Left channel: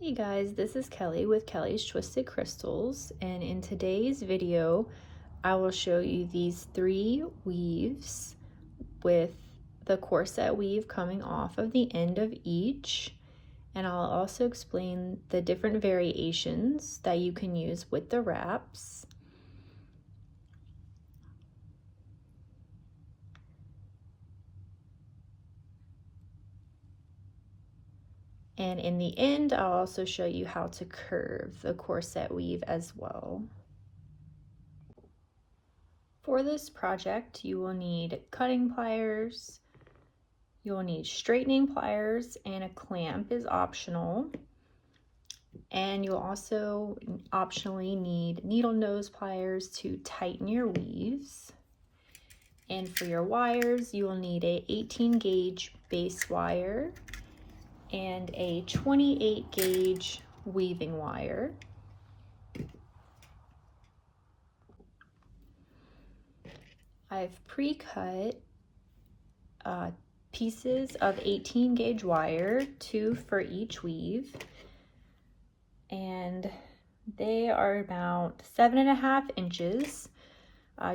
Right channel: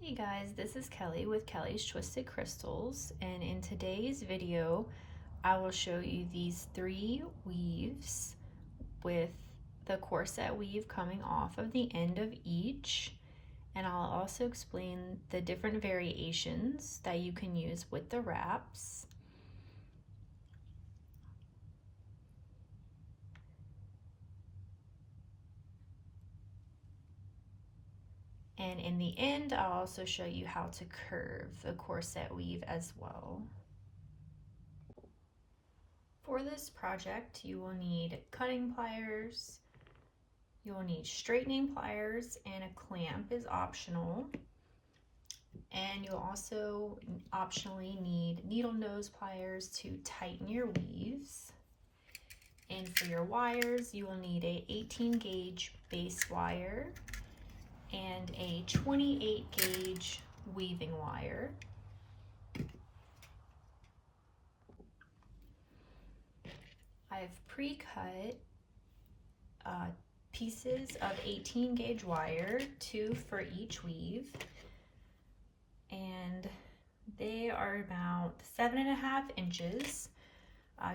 Hey guys, this is Kelly with Kelly's Twisted Crystals, and in today's video I will show you these 3 weaves with the corset weave coming off of the end of each, and I'll also explain the different variations that you can use with the wraps. And in the end, I'll also show you how to curve the corset weave as well. For this project, you will need cutting pliers, you'll need straightening pliers, and a clamp is optional. And you'll also optionally need needle nose pliers to tighten your weaves. And for your wires, you will need a 18 gauge base wire and a 28 gauge weaving wire. I've pre-cut pieces of 18 gauge wire, 2 for each weave, and they are about 7.5 inches,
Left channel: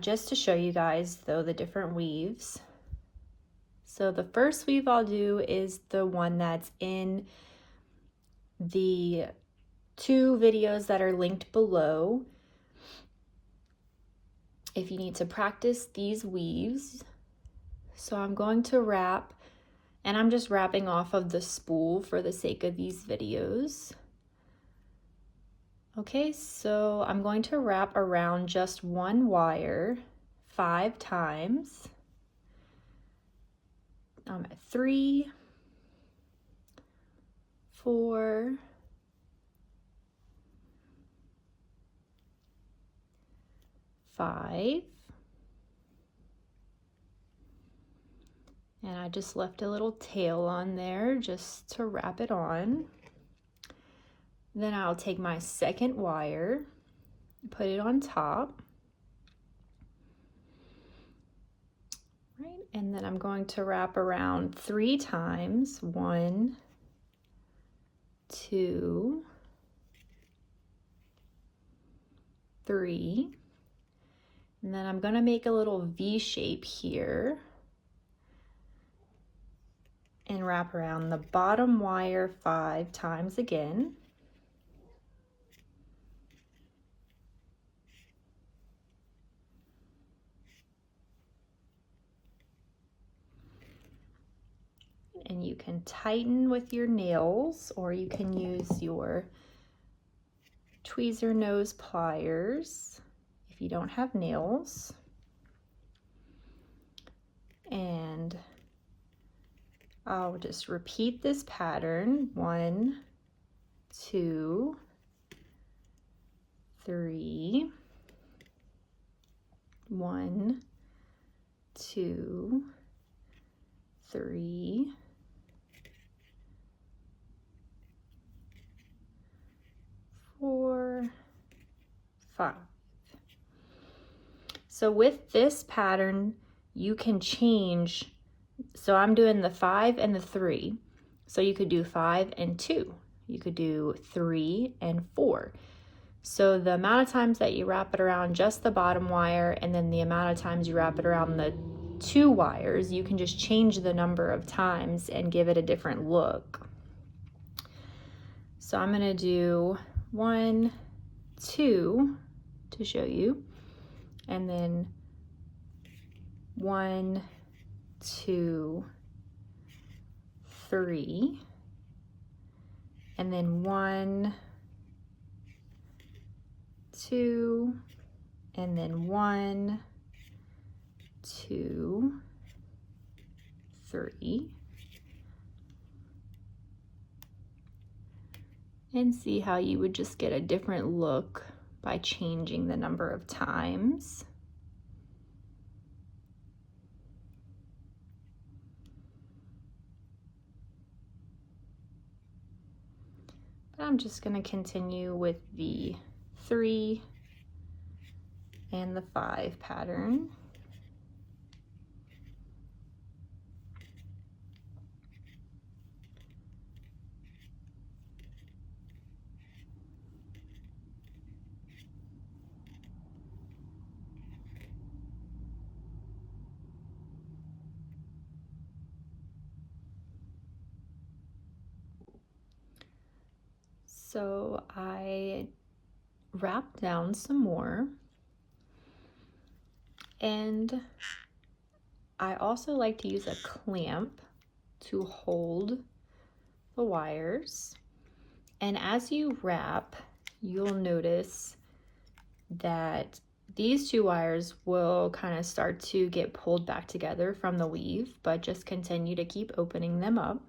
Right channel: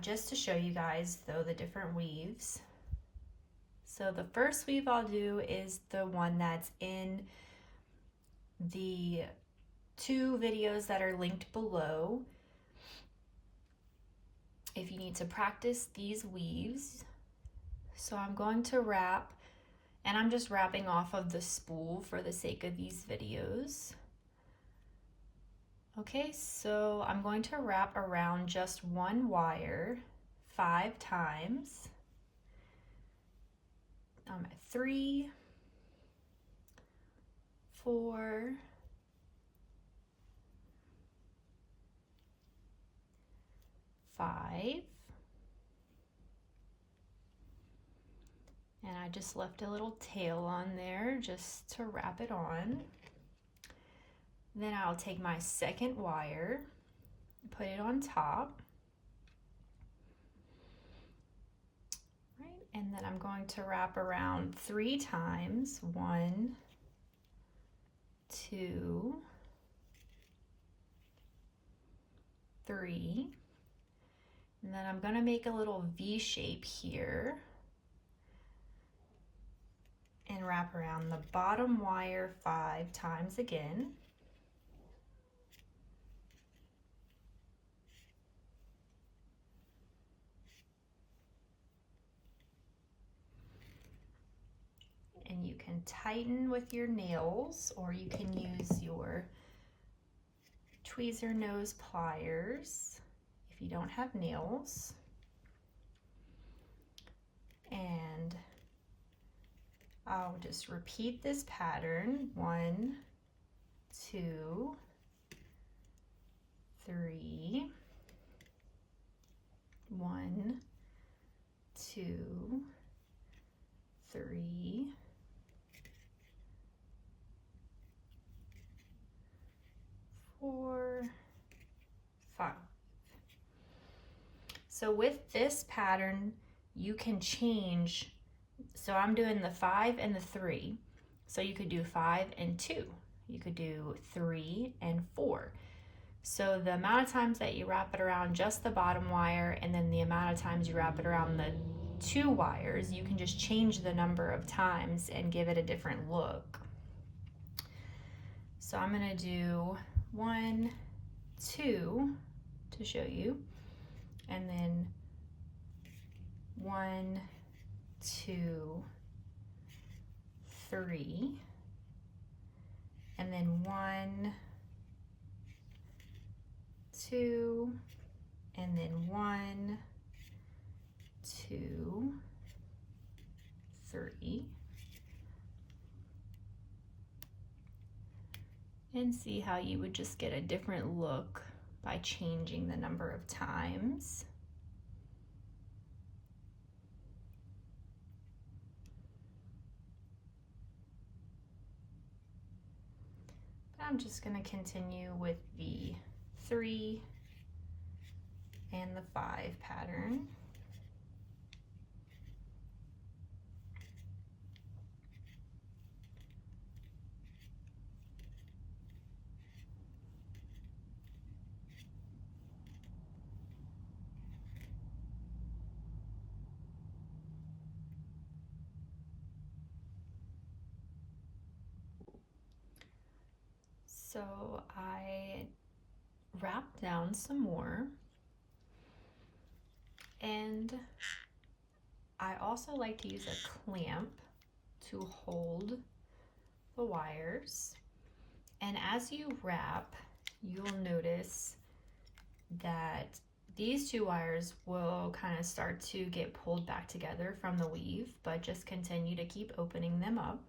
just to show you guys though the different weaves. So the first weave I'll do is the one that's in the 2 videos that are linked below. If you need to practice these weaves. So I'm going to wrap, and I'm just wrapping off of the spool for the sake of these videos. Okay, so I'm going to wrap around just one wire 5 times. I'm at 3, 4, 5, and I just left a little tail on there just to wrap it on. Then I'll take my second wire, put it on top. Right, and then I'm going to wrap around 3 times. 1, 2, 3. And then I'm going to make a little V shape here and wrap around the bottom wire 5 times again. And you can tighten with your nails, or you can use your tweezer nose pliers if you don't have nails. And I'll just repeat this pattern. 1, 2, 3, 1, 2, 3, 4, 5. So with this pattern, you can change. So I'm doing the 5 and the 3. So you could do 5 and 2. You could do 3 and 4. So the amount of times that you wrap it around just the bottom wire, and then the amount of times you wrap it around the 2 wires, you can just change the number of times and give it a different look. So I'm gonna do 1, 2 to show you, and then 1, 2, 3, and then 1, 2, and then 1, 2, 3, and see how you would just get a different look by changing the number of times. I'm just going to continue with the 3 and the 5 pattern. So I wrapped down some more, and I also like to use a clamp to hold the wires. And as you wrap, you'll notice that these two wires will kind of start to get pulled back together from the weave, but just continue to keep opening them up.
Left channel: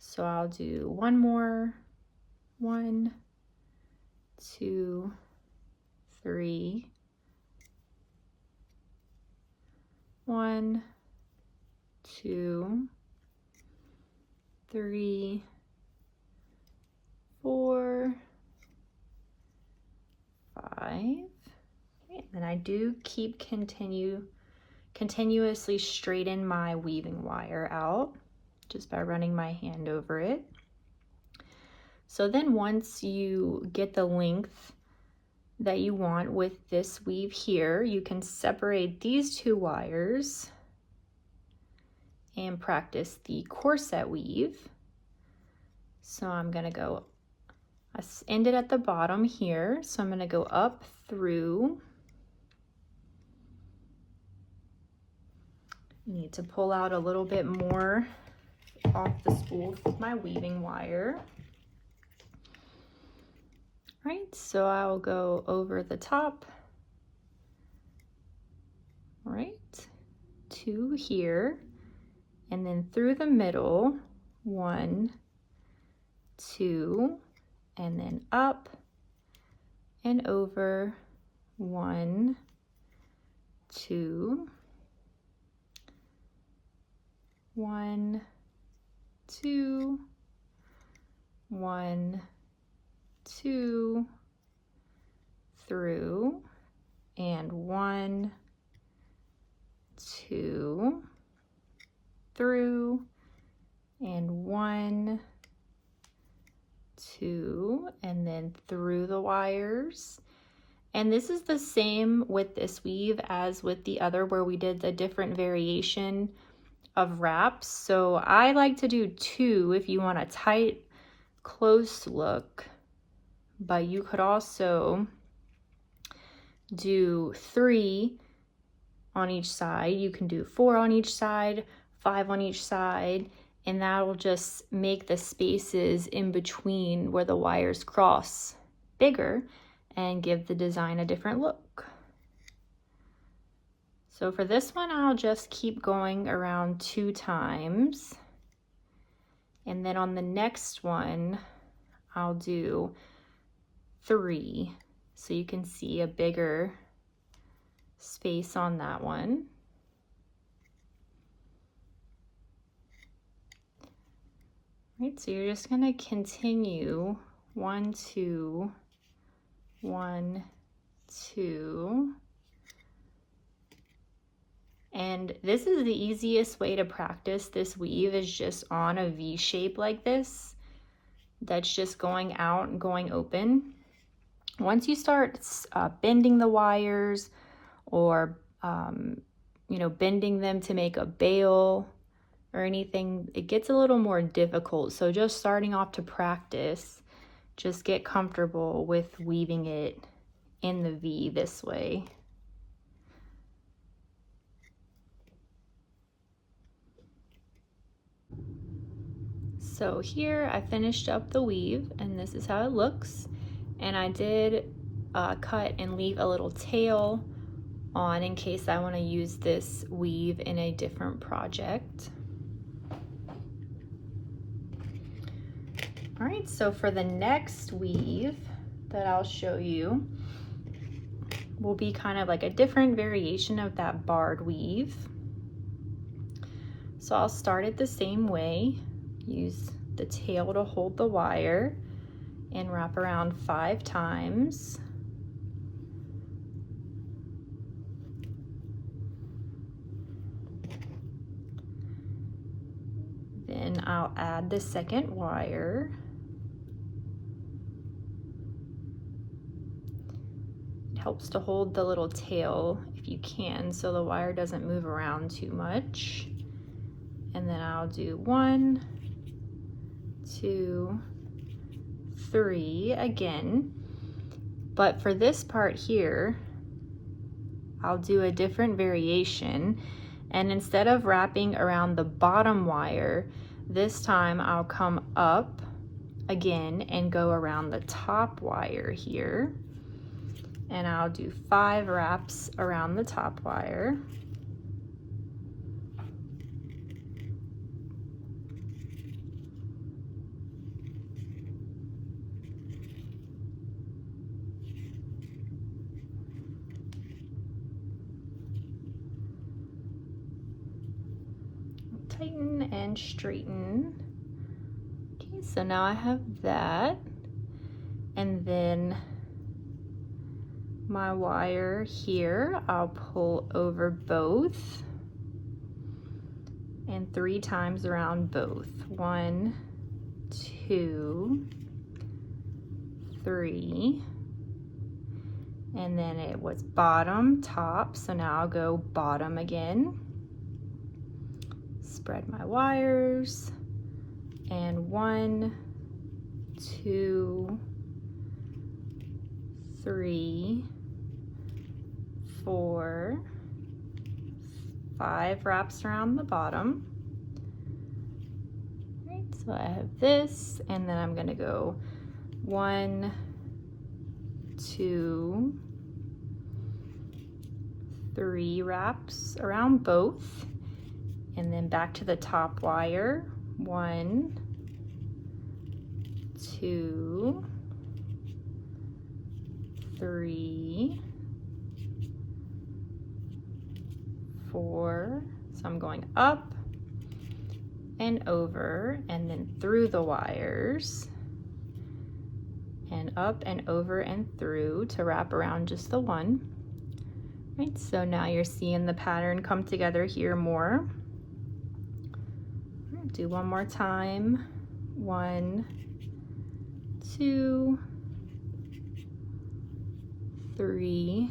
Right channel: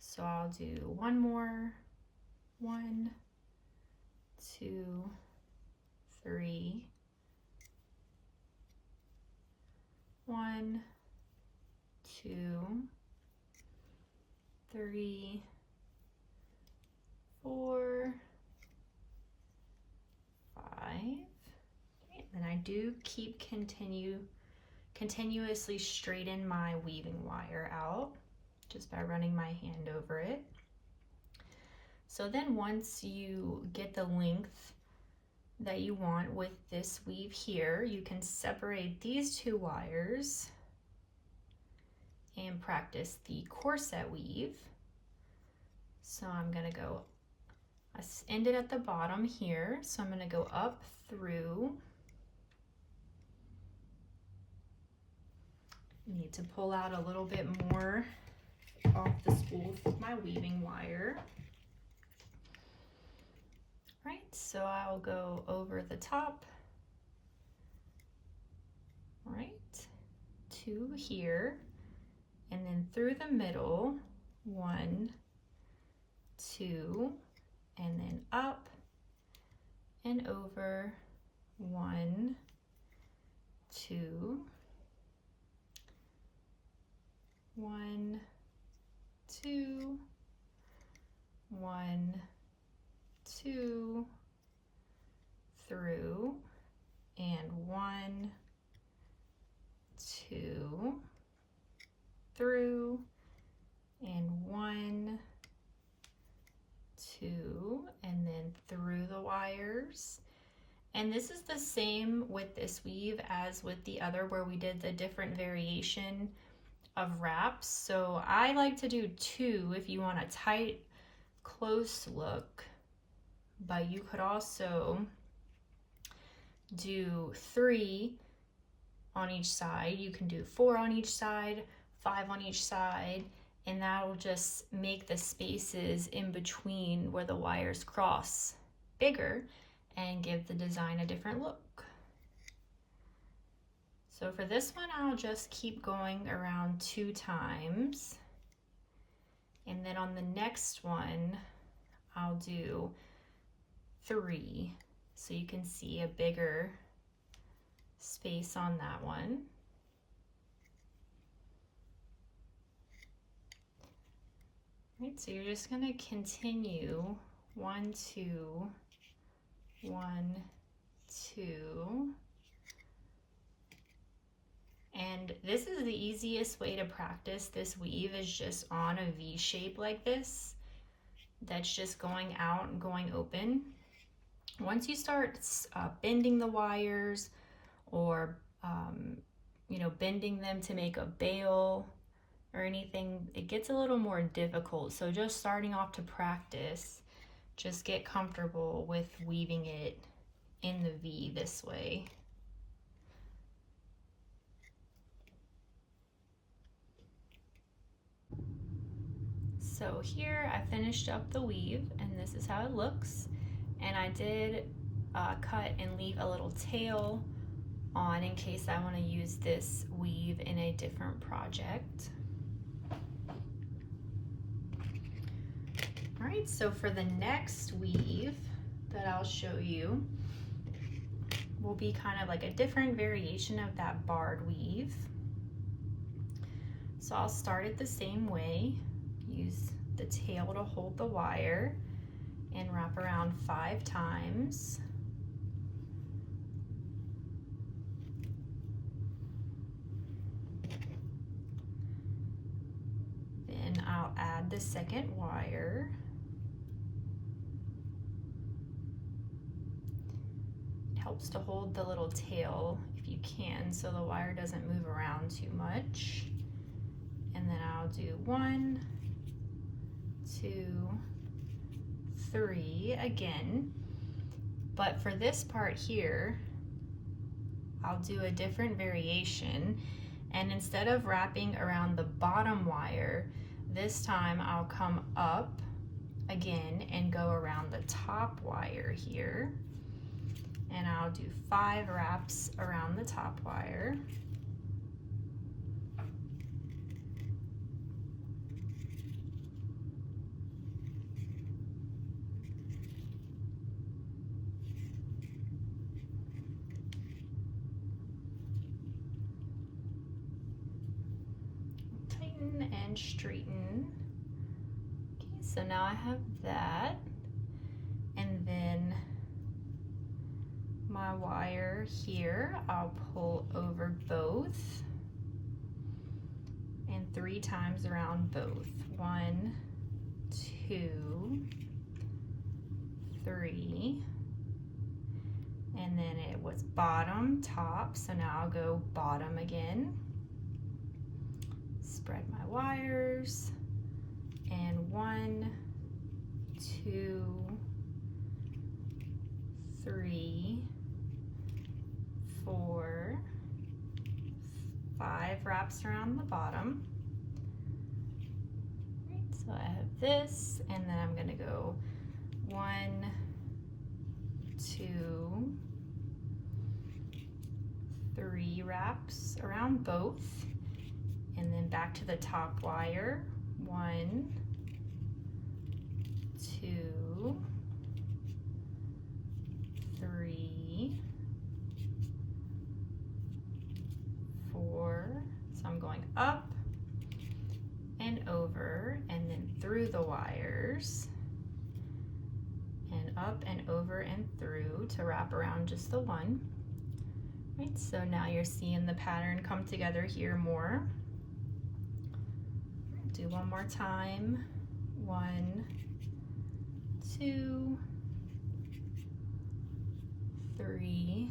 So I'll do one more. 1, 2, 3. 1, 2, 3, 4, 5. And I do keep continuously straighten my weaving wire out just by running my hand over it. So then once you get the length that you want with this weave here, you can separate these two wires and practice the corset weave. So I'm gonna go, I ended at the bottom here, so I'm gonna go up through. Need to pull out a little bit more off the spool with my weaving wire. Right, so I'll go over the top, right, to here, and then through the middle, 1, 2, and then up and over, 1, 2, 1, 2, 1, 2, through, and 1, 2, through, and 1, 2, and then through the wires. And this is the same with this weave as with the other where we did the different variation of wraps. So I like to do 2 if you want a tight, close look, but you could also do 3 on each side. You can do 4 on each side, 5 on each side, and that'll just make the spaces in between where the wires cross bigger and give the design a different look. So for this one, I'll just keep going around 2 times. And then on the next one, I'll do 3. So you can see a bigger space on that one. Right, so you're just gonna continue 1, 2, 1, 2. And this is the easiest way to practice this weave, is just on a V shape like this. That's just going out and going open. Once you start bending the wires or you know, bending them to make a bail or anything, it gets a little more difficult. So just starting off to practice, just get comfortable with weaving it in the V this way. So here I finished up the weave, and this is how it looks. And I did cut and leave a little tail on in case I want to use this weave in a different project. All right, so for the next weave that I'll show you will be kind of like a different variation of that barred weave. So I'll start it the same way, use the tail to hold the wire, and wrap around 5 times. Then I'll add the second wire. It helps to hold the little tail if you can, so the wire doesn't move around too much. And then I'll do 1, 2, 3 again. But for this part here, I'll do a different variation, and instead of wrapping around the bottom wire, this time I'll come up again and go around the top wire here, and I'll do 5 wraps around the top wire. Tighten and straighten. Okay, so now I have that, and then my wire here, I'll pull over both and 3 times around both. 1, 2, 3, and then it was bottom, top, so now I'll go bottom again. Spread my wires, and 1, 2, 3, 4, 5 wraps around the bottom. Right, so I have this, and then I'm gonna go 1, 2, 3 wraps around both, and then back to the top wire. 1, 2, 3, 4. So I'm going up and over and then through the wires, and up and over and through to wrap around just the one. Right, so now you're seeing the pattern come together here more. Do one more time. 1, 2, 3,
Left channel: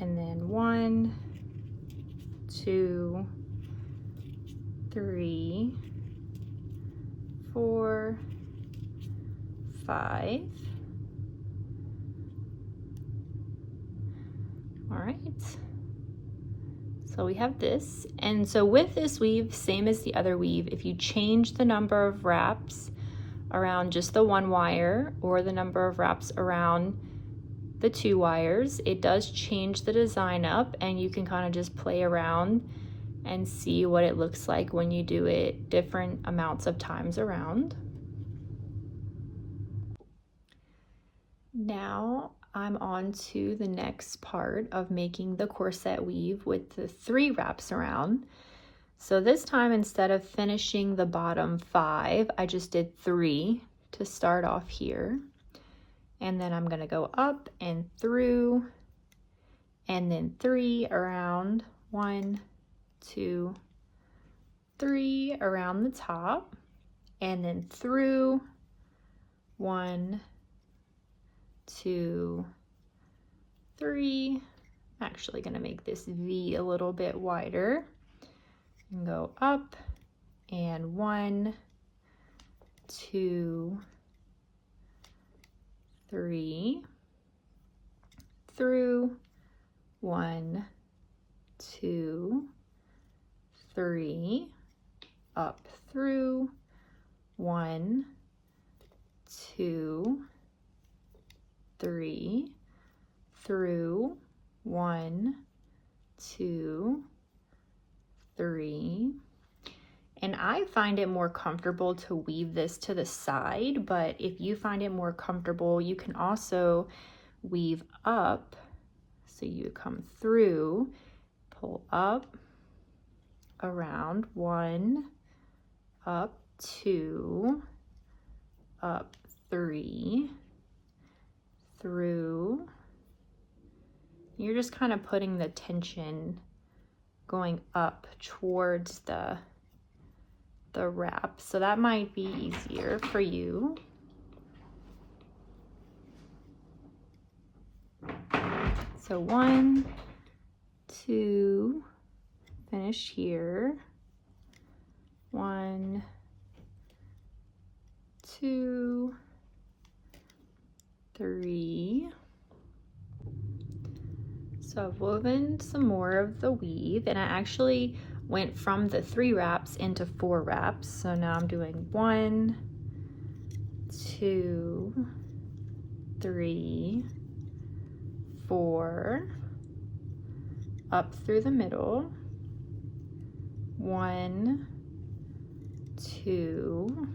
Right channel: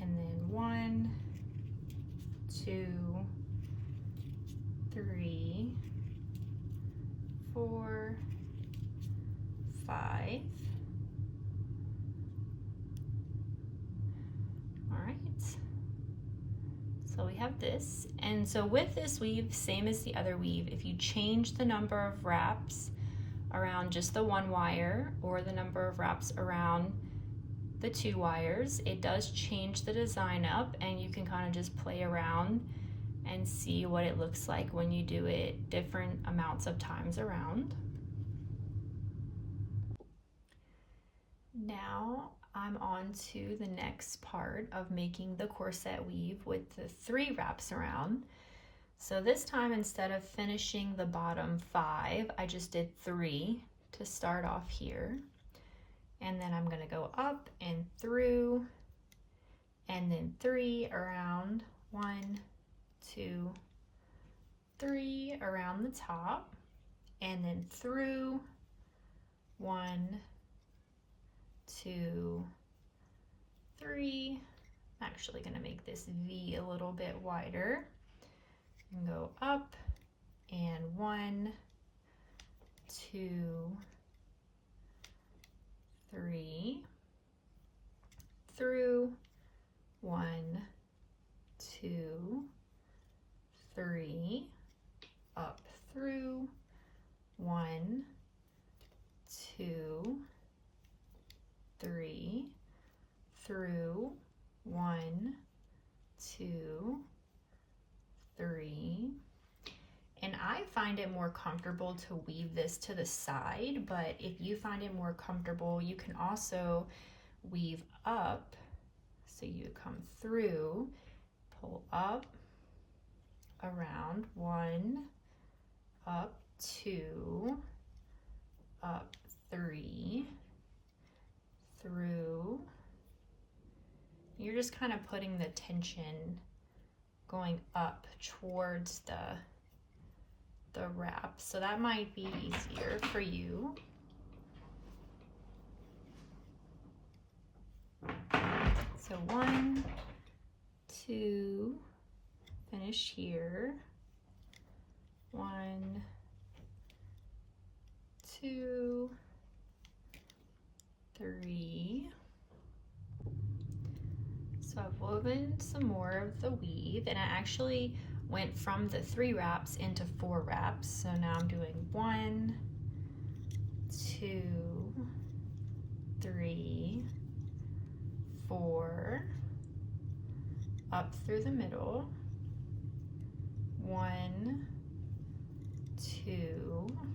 and then 1, 2, 3, 4, 5. All right. So we have this, and so with this weave, same as the other weave, if you change the number of wraps around just the one wire or the number of wraps around the 2 wires, it does change the design up, and you can kind of just play around and see what it looks like when you do it different amounts of times around. Now I'm on to the next part of making the corset weave with the 3 wraps around. So this time, instead of finishing the bottom 5, I just did 3 to start off here. And then I'm gonna go up and through, and then 3 around, 1, 2, 3 around the top, and then through, 1, 2, 3. I'm actually gonna make this V a little bit wider and go up, and 1, 2, 3, through, 1, 2, 3, up through, 1, 2, 3, through, 1, 2, 3. And I find it more comfortable to weave this to the side, but if you find it more comfortable, you can also weave up. So you come through, pull up, around, 1, up, 2, up, 3, through. You're just kind of putting the tension going up towards the wrap, so that might be easier for you. So 1, 2, finish here. 1, 2, 3. So I've woven some more of the weave, and I actually went from the 3 wraps into 4 wraps. So now I'm doing 1, 2, 3, 4, up through the middle, 1, 2,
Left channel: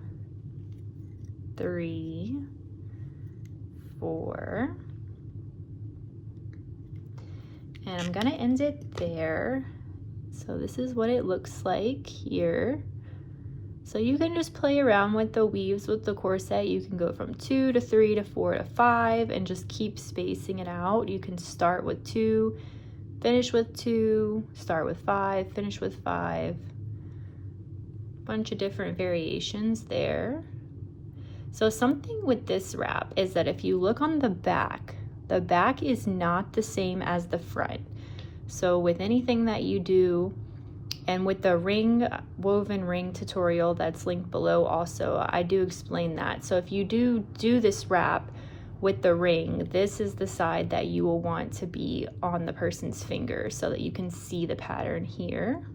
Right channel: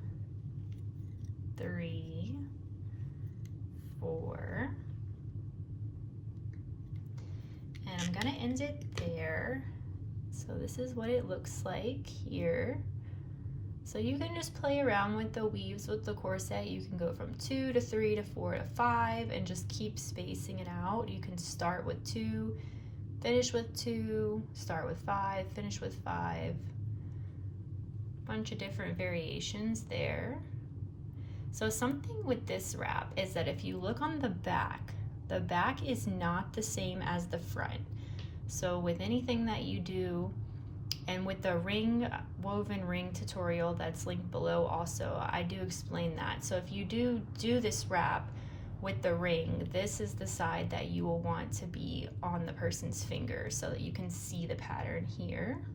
3, 4, and I'm gonna end it there. So this is what it looks like here. So you can just play around with the weaves with the corset. You can go from 2 to 3 to 4 to 5 and just keep spacing it out. You can start with 2, finish with 2, start with 5, finish with 5. Bunch of different variations there. So something with this wrap is that if you look on the back is not the same as the front. So with anything that you do, and with the woven ring tutorial that's linked below also, I do explain that. So if you do this wrap with the ring, this is the side that you will want to be on the person's finger so that you can see the pattern here.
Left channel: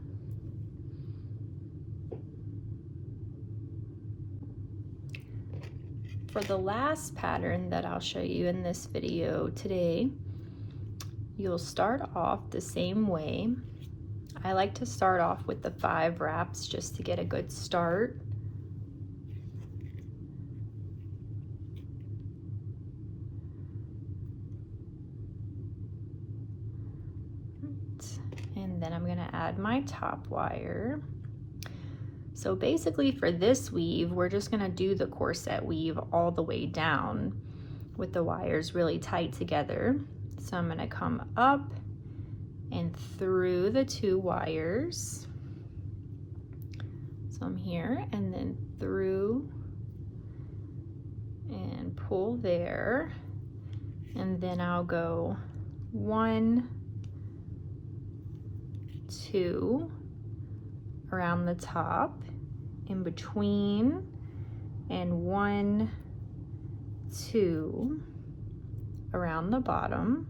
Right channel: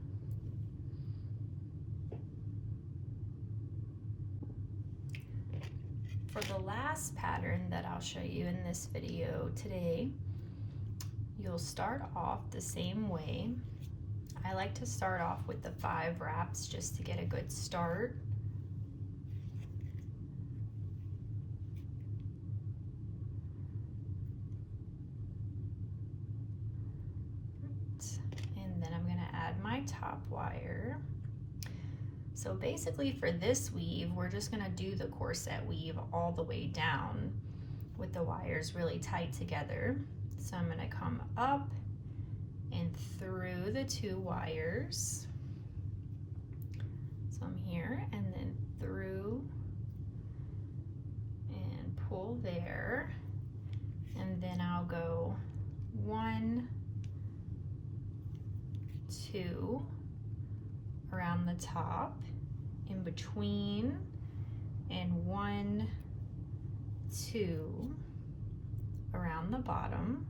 For the last pattern that I'll show you in this video today, you'll start off the same way. I like to start off with the 5 wraps just to get a good start. And then I'm going to add my top wire. So basically for this weave, we're just gonna do the corset weave all the way down with the wires really tight together. So I'm gonna come up and through the 2 wires. So I'm here and then through and pull there. And then I'll go 1, 2 around the top, in between, and 1, 2 around the bottom.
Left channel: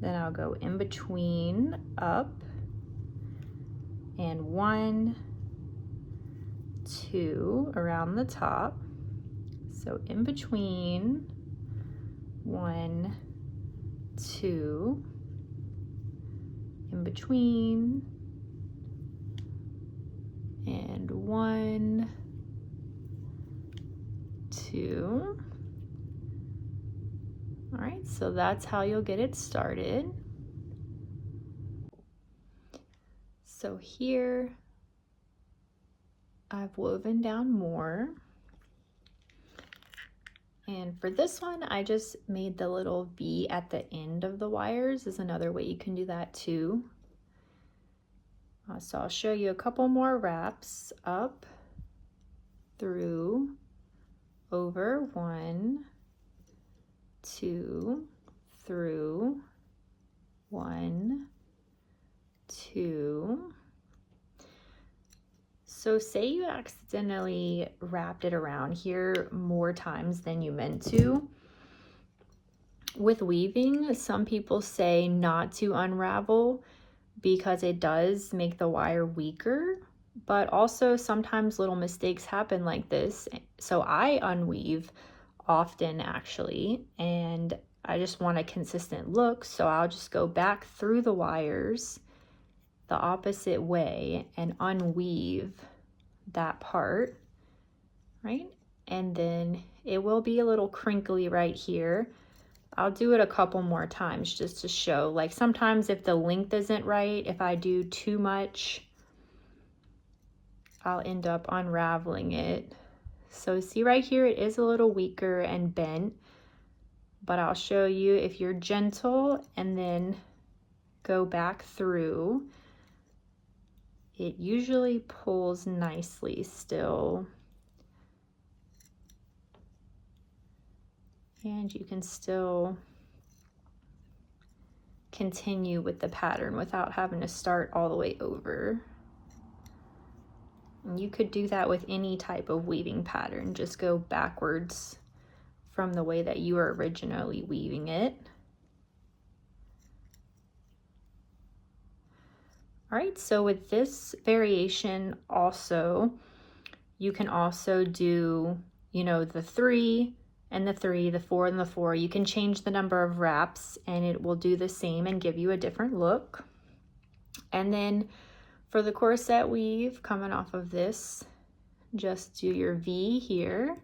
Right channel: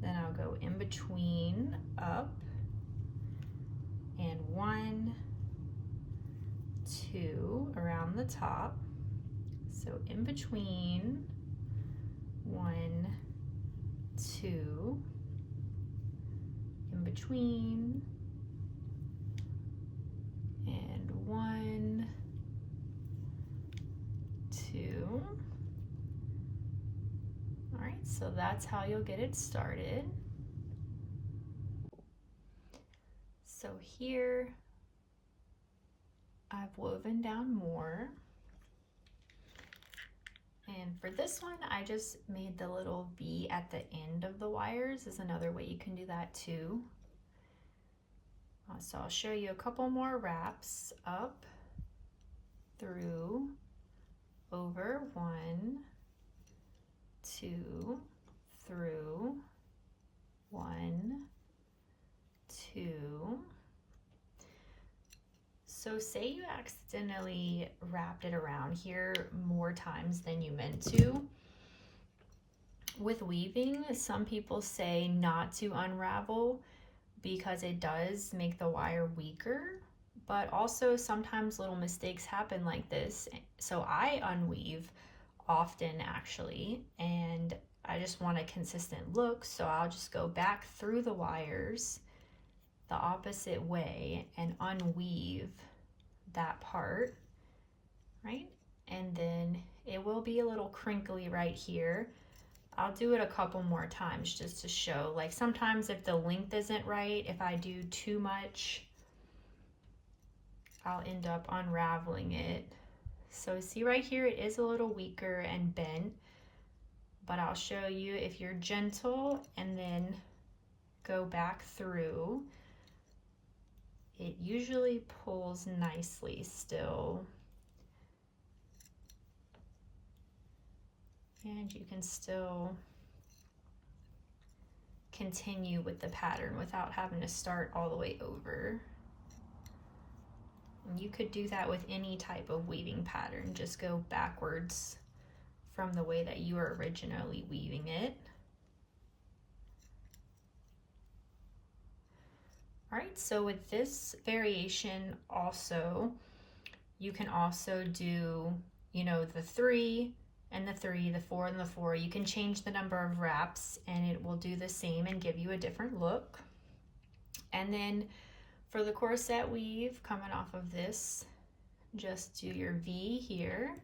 Then I'll go in between, up, and 1, 2 around the top. So in between, 1, 2, in between, and 1, 2. All right, so that's how you'll get it started. So here I've woven down more. And for this one, I just made the little V at the end of the wires. Is another way you can do that too. So I'll show you a couple more wraps. Up, through, over, 1, 2, through, 1, 2. So say you accidentally wrapped it around here more times than you meant to. With weaving, some people say not to unravel because it does make the wire weaker, but also sometimes little mistakes happen like this. So I unweave often actually, and I just want a consistent look, so I'll just go back through the wires the opposite way and unweave that part, right? And then it will be a little crinkly right here. I'll do it a couple more times just to show, like sometimes if the length isn't right, if I do too much, I'll end up unraveling it. So see right here, it is a little weaker and bent, but I'll show you if you're gentle and then go back through, it usually pulls nicely still. And you can still continue with the pattern without having to start all the way over. And you could do that with any type of weaving pattern. Just go backwards from the way that you were originally weaving it. All right, so with this variation also, you can also do, you know, the 3 and the 3, the 4 and the 4. You can change the number of wraps and it will do the same and give you a different look. And then for the corset weave coming off of this, just do your V here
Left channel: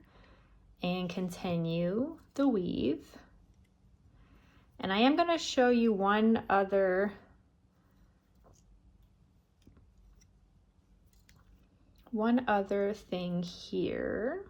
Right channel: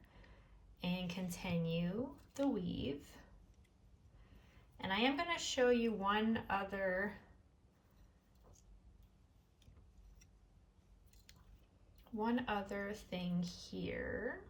and continue the weave. And I am going to show you one other thing here.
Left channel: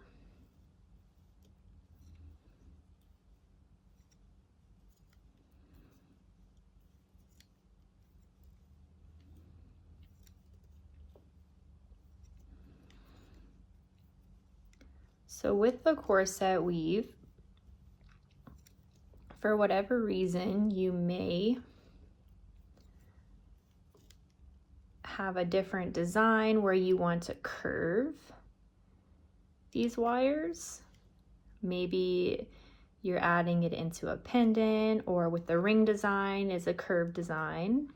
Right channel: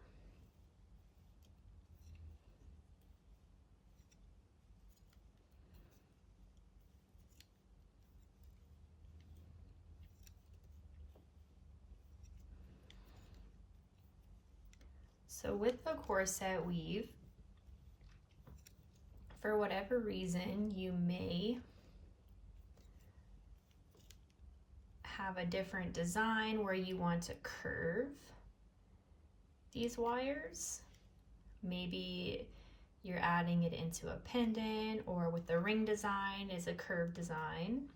So with the corset weave, for whatever reason, you may have a different design where you want to curve these wires. Maybe you're adding it into a pendant, or with the ring design is a curved design.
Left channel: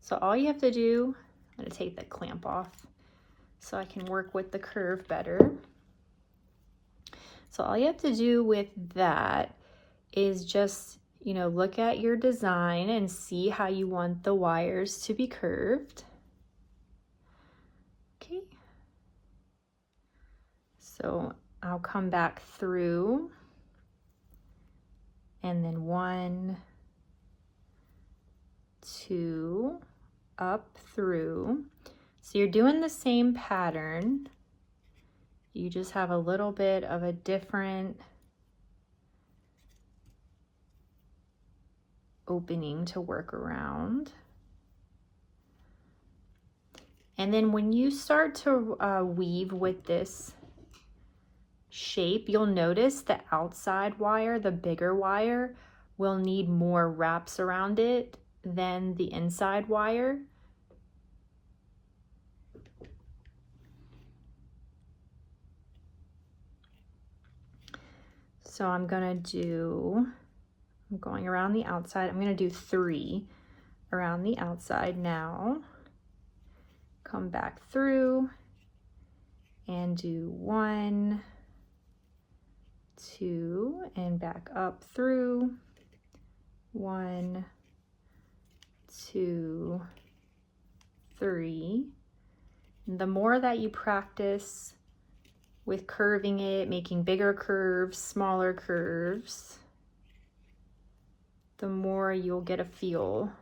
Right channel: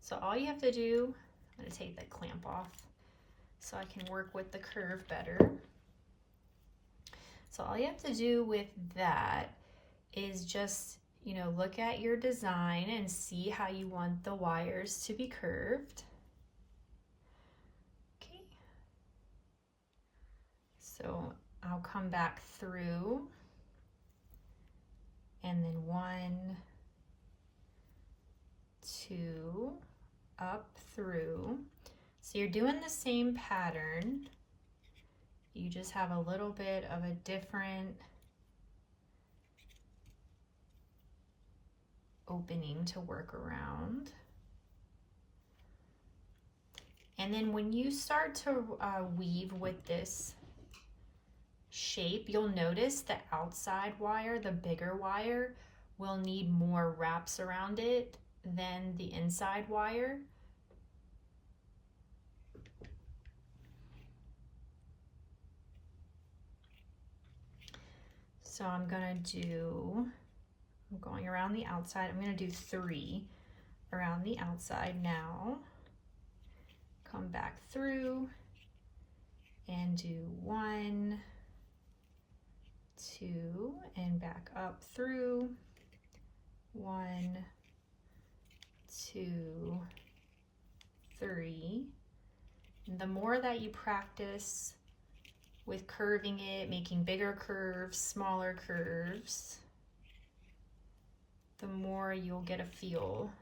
So all you have to do, I'm going to take the clamp off so I can work with the curve better. So all you have to do with that is just, you know, look at your design and see how you want the wires to be curved. Okay. So I'll come back through and then 1, 2, up through. So you're doing the same pattern. You just have a little bit of a different opening to work around. And then when you start to weave with this shape, you'll notice the outside wire, the bigger wire, will need more wraps around it than the inside wire. So I'm going around the outside. I'm gonna do 3 around the outside now. Come back through and do 1, 2, and back up through 1, 2, 3. And the more that you practice with curving it, making bigger curves, smaller curves, the more you'll get a feel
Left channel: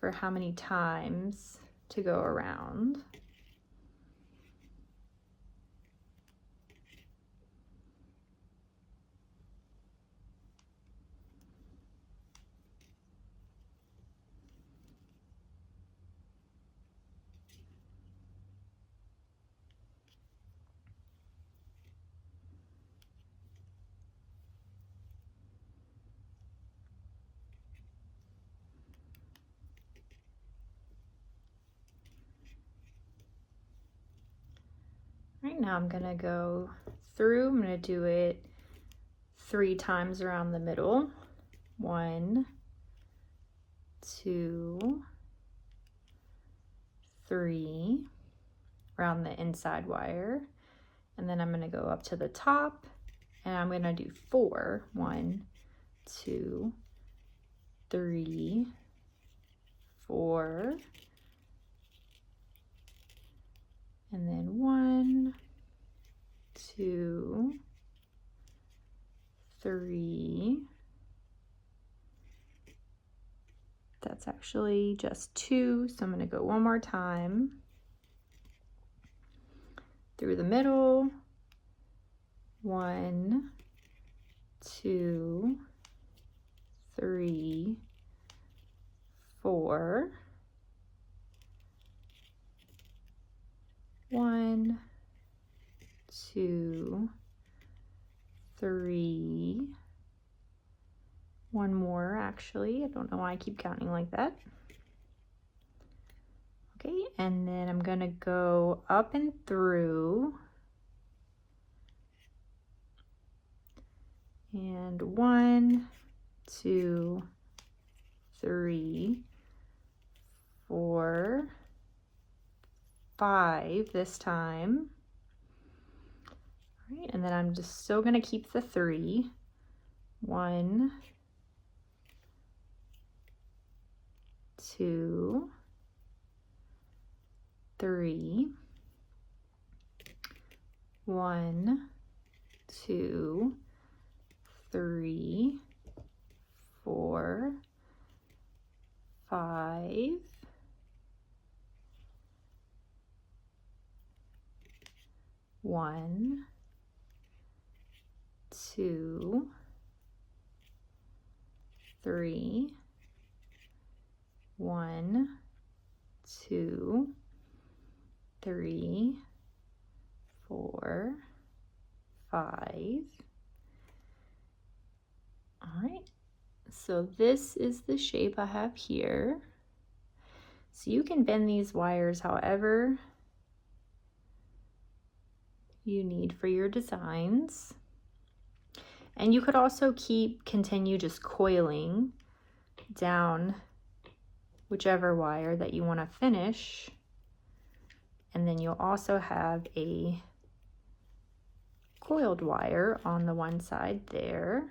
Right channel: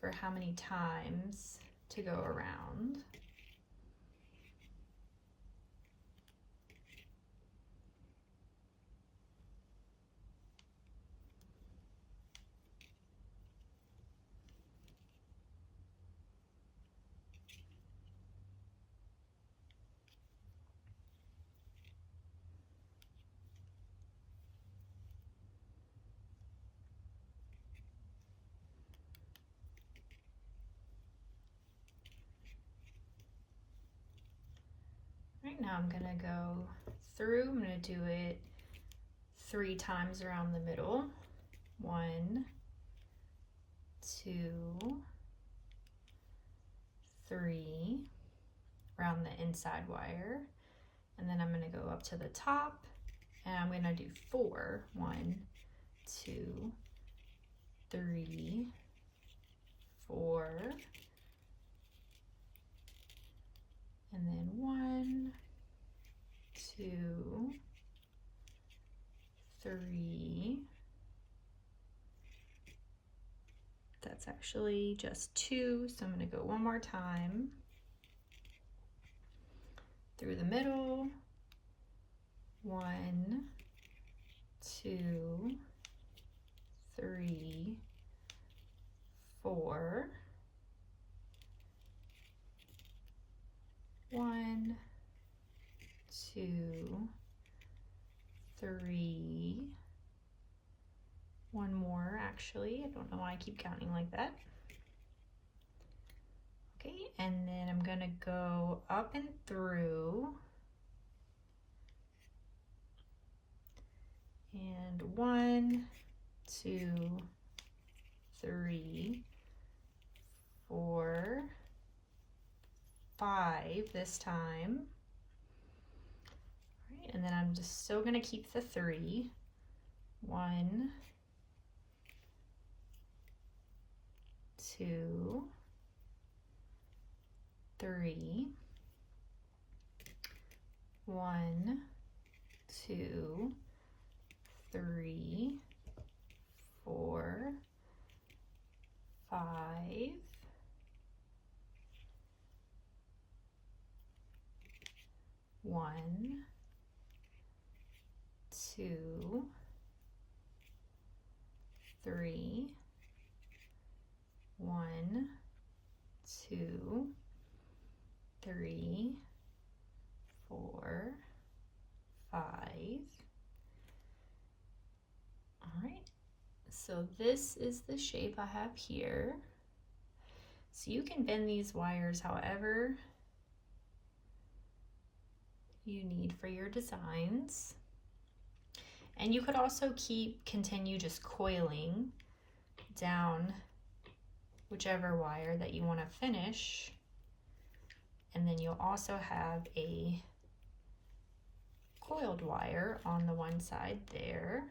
for how many times to go around. Right now I'm gonna go through, I'm gonna do it 3 times around the middle. 1, 2, 3, around the inside wire. And then I'm gonna go up to the top and I'm gonna do 4. 1, 2, 3, 4. And then 1, 2, 3. That's actually just 2, so I'm going to go one more time through the middle. 1, 2, 3, 4. 1, 2, 3. One more actually. I don't know why I keep counting like that. Okay, and then I'm gonna go up and through And 1, 2, 3, 4, 5 this time. All right, and then I'm just still going to keep the 3. 1, 2, 3, 1, 2, 3, 4, 5, 1, 2, 3, 1, 2, 3, 4, 5. All right, so this is the shape I have here. So you can bend these wires however you need for your designs. And you could also continue just coiling down whichever wire that you want to finish. And then you'll also have a coiled wire on the one side there.